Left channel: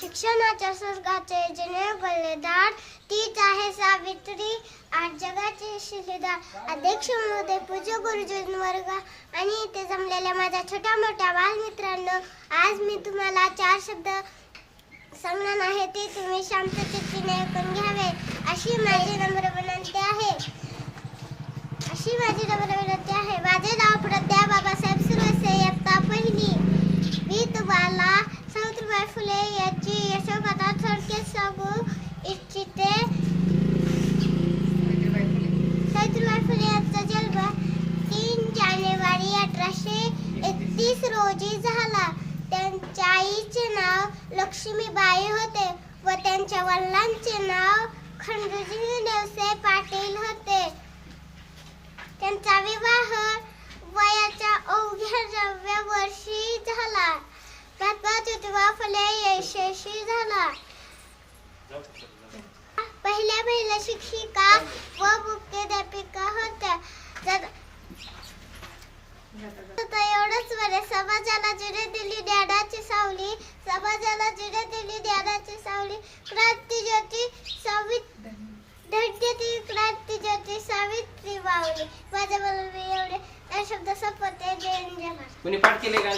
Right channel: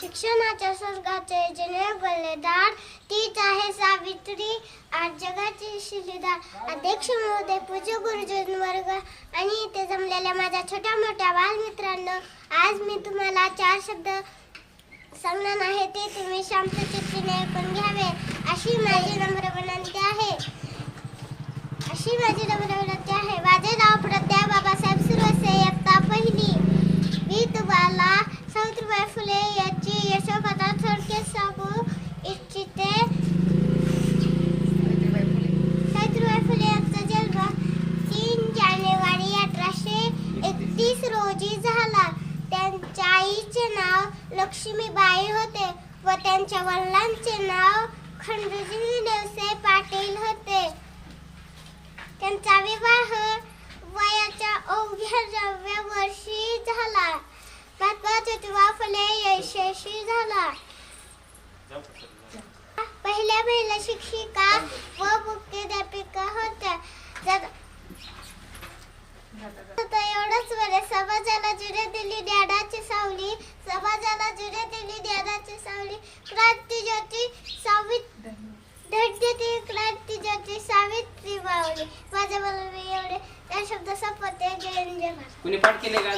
शिक्षणाच्या स्वर्गाचे जने बलिदान तीच आहे सावित्री. आज जगाची शिलेदार अध्यक्ष महोदय पूज्य गुरुजन वर्ग. आणि इथे जमलेल्या माझ्या छोट्या मोठ्या बालमित्रांनो आज मी तुम्हाला चार शब्द सांगणार आहे ते तुम्ही शांत चित्तीने ऐकून घ्यावे. अशी माझी नम्र विनंती आहे. अशी माझी नम्र विनंती आहे. माझे नाव प्रद्या बाबासाहेब सुरसे इयत्ता पहिली. मी तुम्हाला सावित्रीबाई फुले तीस रोजी झाला. त्यांच्या आईचे नाव लक्ष्मीबाई होते व त्यांच्या वडिलांचे नाव खंडूजी नवसे पाटील होते. त्यांचा विवाह वयाच्या अवघ्या नवव्या वर्षी झाला. महात्मा ज्योतिबा फुले यशस्वी झाला. पहिल्या महिला शिक्षिका व मुख्याध्यापिका होत्या. समाजाला जिरे दिली ज्ञानाची सावली समाजाला जिरे दिली ज्ञानाची सावली क्रांती ज्योती सावित धडधडी क्रांती ज्योती सावित्री मावली माझ्या मला मी एवढे. त्या शब्द संपवते जय जय कुणी पाठ केले का